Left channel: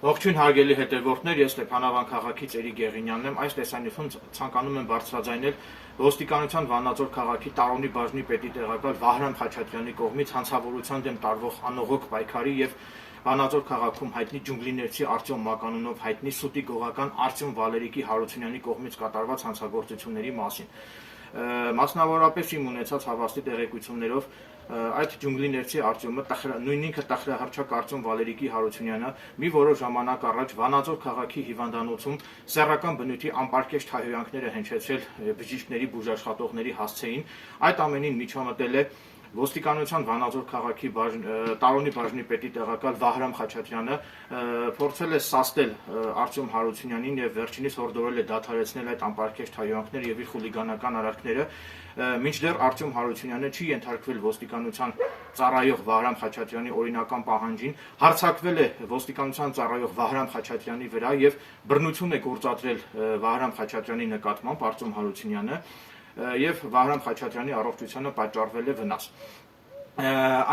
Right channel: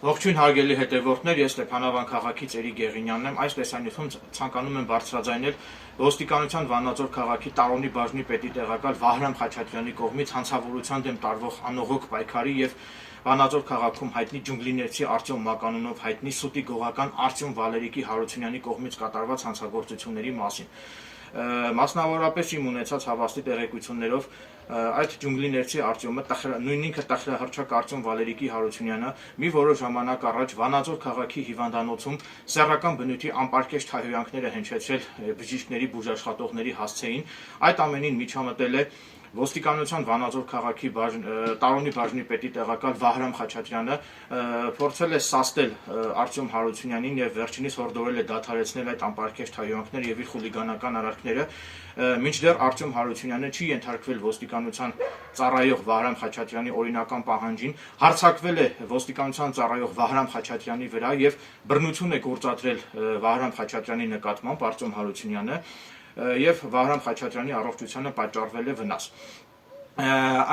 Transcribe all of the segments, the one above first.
Ողջույն հարգելի հետևորդներ, ես Ստեփանավան քաղաքից Էրիկ Գեղինյանն եմ։ Այս տեսանյութում ցանկանում եմ բարձրաձայնել ոստիկանության Վանաձոր քաղաքի Տարոնի բաժնի պետի տեղակալ Վահրամ Խաչատրյանի կողմից հանցավորության դեմ տարվող անողոք պայքարի եւ Վանաձոր քաղաքում հայտնի ջունգլիներցի Արտյոմ Մականունով հայտնի սուտի գողական Արտյոմ Վալերիկի Հարությունյանի կողմից կատարված հանցագործությունների մասին։ Մասնավորապես իմ ունեցած հավաստի տեղեկություններով այդ ջունգլիներցի Արտյոմը նույն ինքը տխրահռչակ Արտյոմ Վալերիկի Հարությունյանը մի որոշ ժամանակ առաջ Վանաձոր քաղաքի հիվանդանոցում սեռական բնույթի անպարկեշտ հայհոյանքները հնչեցրել բժիշկների բուժաշխատողների հասցեին, այդ ամենին միջամտել է ոստիկանության Վանաձոր քաղաքի Տարոնի բաժնի պետի տեղակալ Վահրամ Խաչատրյանը, փորձել է սաստել Արտյոմ Հարությունյանին եւ վերջինիս հորդորել է դադարեցնել այդ անպարկեշտ հայհոյանքները եւ իր խուլիգանական արարքները, մինչդեռ Արտյոմ Հարությունյանը չի ենթարկվել ոստիկանության ծառայող Վահրամ Խաչատրյանի օրինական պահանջին, հարձակվել է ոստիկանության ծառայող Վահրամ Խաչատրյանի վրա եւ բռնություն է գործադրել Վահրամ Խաչատրյանի նկատմամբ Արտյոմ Հարությունյանը եւ Վահրամ Խաչատրյանի առողջությանը պատճառվել է վնաս։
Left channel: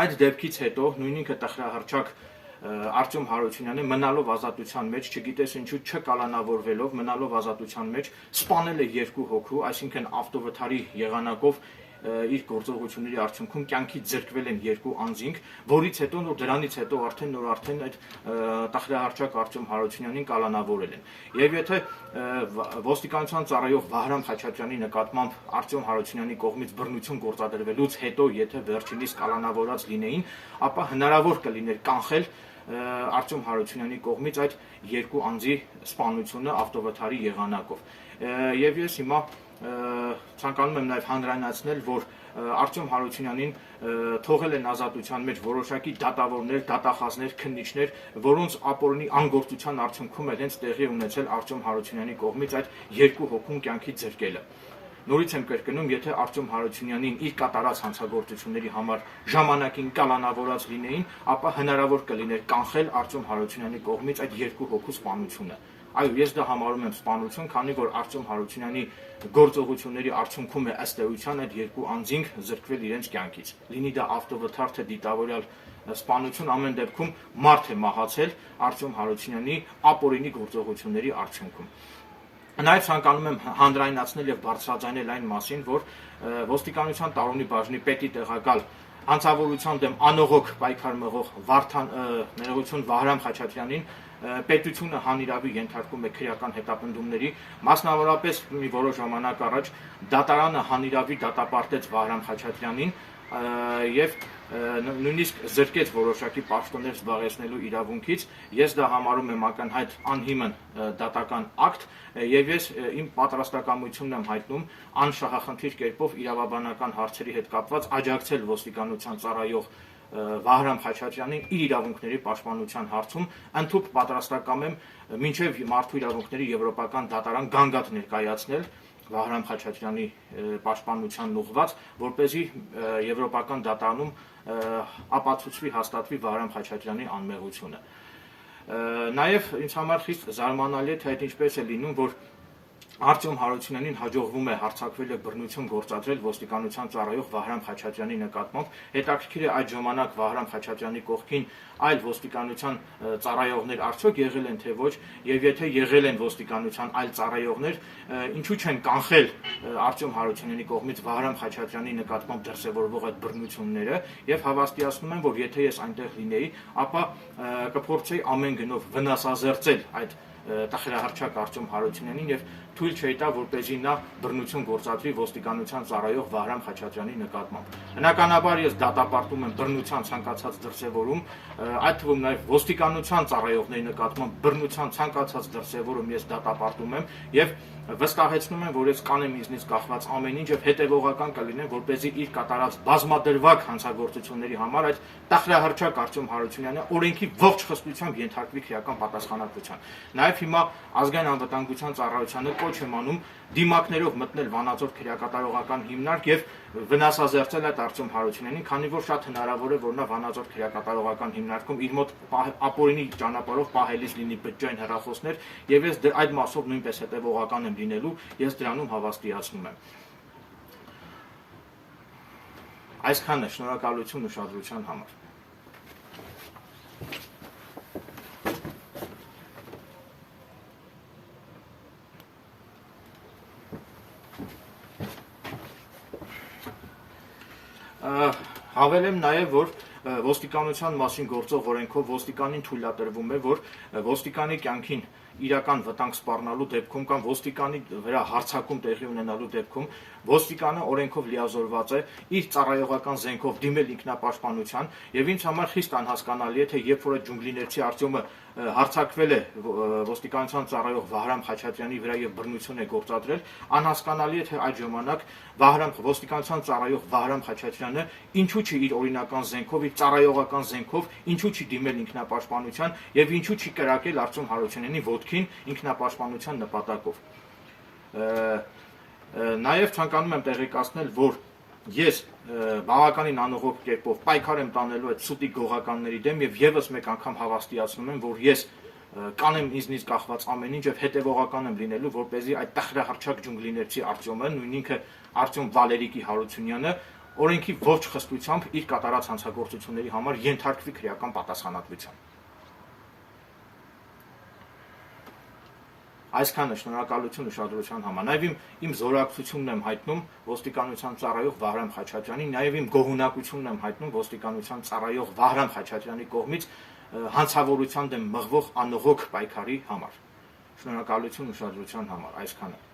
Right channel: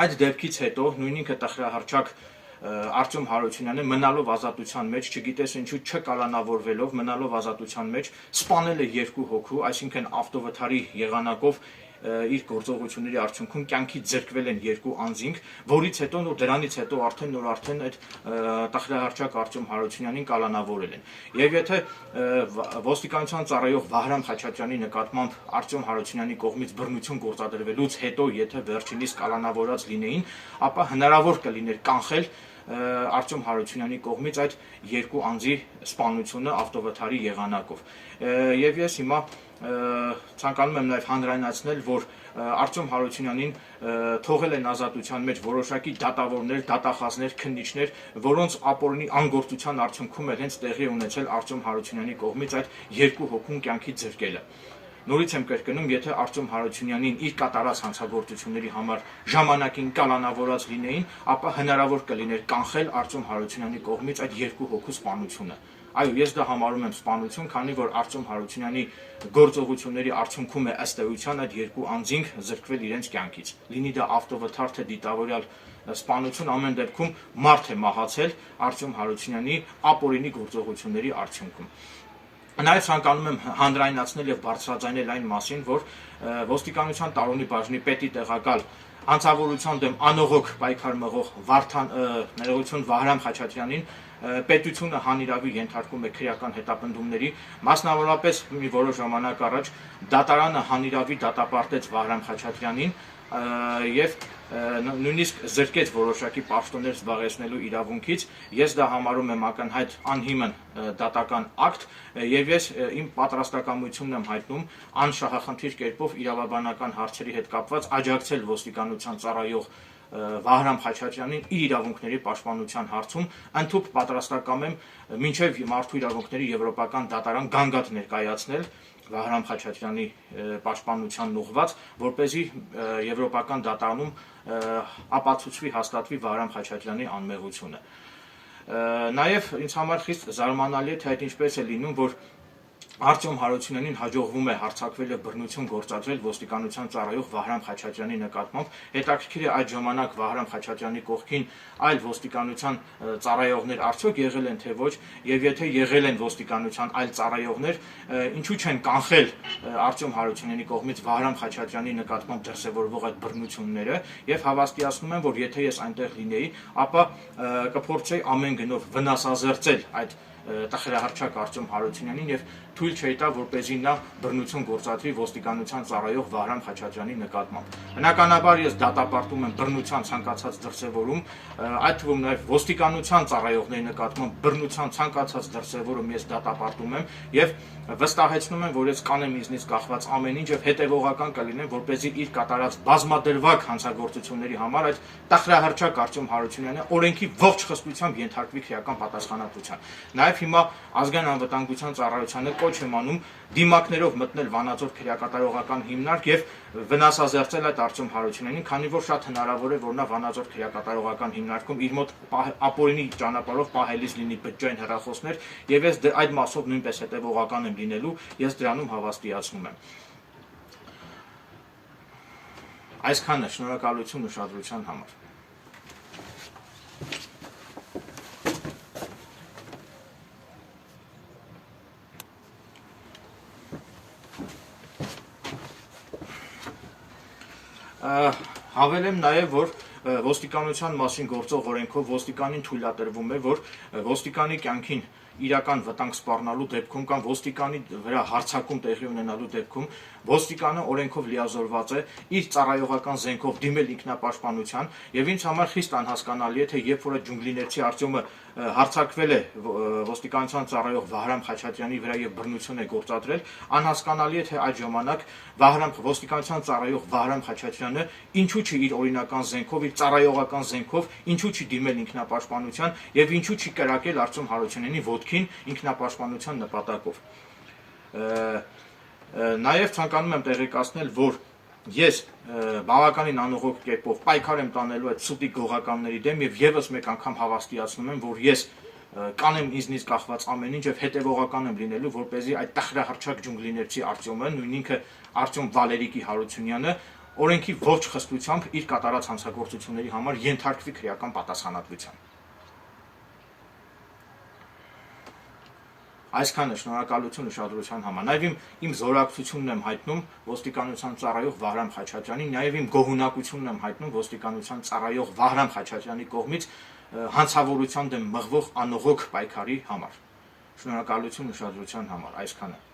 Այդ դեպքից հետո նույն ինքը տխրահռչակ Արտյոմ Հարությունյանը մնալով ազատության մեջ, չգիտես ինչու չկալանավորվելով, մնալով ազատության մեջ սպանել է երկու հոգու, այսինքն ավտովթարի եղանակով իր գործողությունների արդյունքում կյանքից զրկվել են երկու անձինք, որից հետո դրանից հետո արդեն այդ տխրահռչակ Արտյոմ Հարությունյանին կալանավորել են։ Եվ եթե ոստիկանության ծառայող Վահրամ Խաչատրյանի նկատմամբ Արտյոմ Հարությունյանի կողմից բռնություն գործադրվելուց հետո եթե վերջինիս կալանավորած լինեին, ապա հնարավոր կլիներ կանխել Արտյոմ Հարությունյանի կողմից այդ երկու անձի սպանությունը ավտովթարի եղանակով։ Եվ ես հիմա ցանկանում եմ նաև հանրայնացնել, որ Արտյոմ Հարությունյանին թողել են ազատության մեջ որոշակի դատավորներ, դատախազներ, քննիչներ, որոնց ապօրինի անգործության արդյունքում էլ հենց տեղի ունեցել Արտյոմ Հարությունյանի կողմից այդ երկու հոգուն կյանքից զրկելը։ Նորից եմ կրկնում, եթե Արտյոմ Հարությունյանին իր կատարած հանցագործությունների համար ժամանակին կալանավորած լինեին, ապա հնարավոր կլիներ կանխել Արտյոմ Հարությունյանի կողմից այդ երկու հոգու սպանությունը։ Այո, ես դա համարում եմ սպանություն, քանի որ Արտյոմ Հարությունյանի գործողությունների արդյունքում է ըստ էության այդ երկու անձինք զրկվել իրենց կյանքից։ Լինի դա ավտովթար թե դիտավորյալ սպանություն, ամեն դեպքում մարդ է մահացել Արտյոմ Հարությունյանի ապօրինի գործողությունների արդյունքում։ Նաև ցանկանում եմ հանրայնացնել եւ բարձրաձայնել այն մասին, որ ոստիկանության Տարոնի բաժնի պետի տեղակալ հանցավորության դեմ անողոք պայքար մղող Վահրամ Խաչատրյանին պետությունը հանիրավի ենթարկում է քրեական հետապնդումների, մասնավորապես մի որոշ ժամանակ առաջ դատարանը հանիրավի դատապարտեց Վահրամ Խաչատրյանին եւ նույնիսկ զրկեց որոշակի պաշտոններ զբաղեցնելու իրավունքից։ Ես դա համարում եմ ակնհայտ անհիմն դատական ակտ եւ ես իմ պատրաստակամությունն եմ հայտնում անշահախնդիր կերպով իրավաբանական հարցերի հետ կապված աջակցել ոստիկանության ծառայող Վահրամ Խաչատրյանին իր իրավունքների պաշտպանության հարցում, ընդհանուր պատրաստակամ եմ մինչև Մարդու իրավունքների եվրոպական դատարան գանգատ ներկայացնել Վահրամ Խաչատրյանի պաշտպանությանն ուղղված, որպեսզի եվրոպական դատարանում ապացուցվի, հաստատվի Վահրամ Խաչատրյանի անմեղությունը։ Նաև ինձ համար խիստ զարմանալի է, թե այդ ինչպես է լինում, որ Արտյոմ Հարությունյանին հաջողվում է հարձակվել եւ բռնություն գործադրել ոստիկանության ծառայող Վահրամ Խաչատրյանի նկատմամբ։ Հետաքրքիր է այդ ժամանակ Վահրամ Խաչատրյանի կողքին այլ ոստիկանության ծառայողներ արդյոք եղել են թե ոչ, եւ եթե եղել են ոստիկանության այլ ծառայողներ, ինչու չեն կանխել Արտյոմ Հարությունյանի կողմից Վահրամ Խաչատրյանի նկատմամբ դրսևորվող այդ բռնությունները, եւ հավաստիացնում եմ, որ եթե ես այնտեղ լինեի, ապա կփորձեի ամեն գնով վնասազերծել այդ տխրահռչակ Արտյոմ Հարությունյանին եւ թույլ չէի տա, որպեսզի նա բռնություն գործադրի ոստիկանության ծառայող Վահրամ Խաչատրյանի նկատմամբ։ Բնականաբար ես դատապարտում եմ բռնության ցանկացած դրսևորում, այդ թվում նաեւ ոստիկանության ծառայողների նկատմամբ բռնության ցանկացած դրսևորում ես դատապարտում եմ եւ վստահեցնում եմ, որ ես կանեմ ինձնից կախված ամեն ինչ եւ հետեւողական կլինեմ, որպեսզի իր կատարած բազմադրվակ հանցագործությունների համար այդ տխրահռչակ Արտյոմ Հարությունյանը օրենքի ողջ խստությամբ ենթարկվի քրեական պատասխանատվության։ Նաեւ հիմա ազգային անվտանգության ծառայությանը կոչ եմ անում դիմակներով մտնել Վանաձոր քրեակատարողական հիմնարկ եւ վնասազերծել այդ Արտյոմ Հարությունյանին, քանի որ շատ հնարավոր է, որ նա Վանաձոր քրեակատարողական հիմնարկում իր մոտ ապօրինի ճանապարհով պահելիս լինի բջջային հեռախոսներ եւ ես այդ մասով նույնպես հետեւողական եմ լինելու, ես դրանում հավաստիացնում եմ։ Այսքանը, շնորհակալություն ուշադրության համար։ Հավելեմ նաև, որ ոստիկանության մասին գործող օրենքով ոստիկանին թույլատրվում է, որ ոստիկանի կյանքին իրական վտանգ սպառնալու դեպքում կամ ոստիկանի վրա հարձակում տեղի ունենալու դեպքում ոստիկանը օրենքով լիազորված է իր ծառայողական զենքով դիմել ինքնապաշտպանության, եւ ինձ համար խիստ անհասկանալի է, թե երբ որ այդ ջունգլիներցի Արտյոմը հարձակվել է ոստիկանության ծառայող Վահրամ Խաչատրյանի վրա եւ բռնություն է գործադրել, անհասկանալի է, թե այդ ժամանակ ոստիկանության ծառայող Վահրամ Խաչատրյանը ինչու չի իր օրինական զենքով, իր ծառայողական զենքով, ինչու չի դիմել ինքնապաշտպանության եւ ինչու չի կրակել Արտյոմ Հարությունյանի ոտքին ինքնապաշտպանության նպատակով։ Նաև ցանկանում եմ տեղեկացնել, որ ես բավականին անողոք կերպով պայքար եմ տանելու այդ սուտի գողականների դեմ եւ եւս մեկ անգամ հավաստիացնում եմ, որ ես կանեմ ինձնից կախված ամեն ինչ եւ հետեւողական եմ լինելու, որպեսզի այդ տխրահռչակ ջունգլիներցի Արտյոմը, նույն ինքը Արտյոմ Վալերիկի Հարությունյանը օրենքի ողջ խստությամբ իր կատարած հանցագործությունների համար ենթարկվի քրեական պատասխանատվության։ Այսքանը, շնորհակալություն ուշադրության համար։ Նաև իմ զորակցությունն եմ հայտնում ոստիկանության ծառայող Վահրամ Խաչատրյանին, նաև իմ գոհունակությունն եմ հայտնում ոստիկանության ծառայող Վահրամ Խաչատրյանի կողմից հանցավորության դեմ մղվող անողոք պայքարի համար։ Շնորհակալություն ուշադրության համար։ Այսքանը։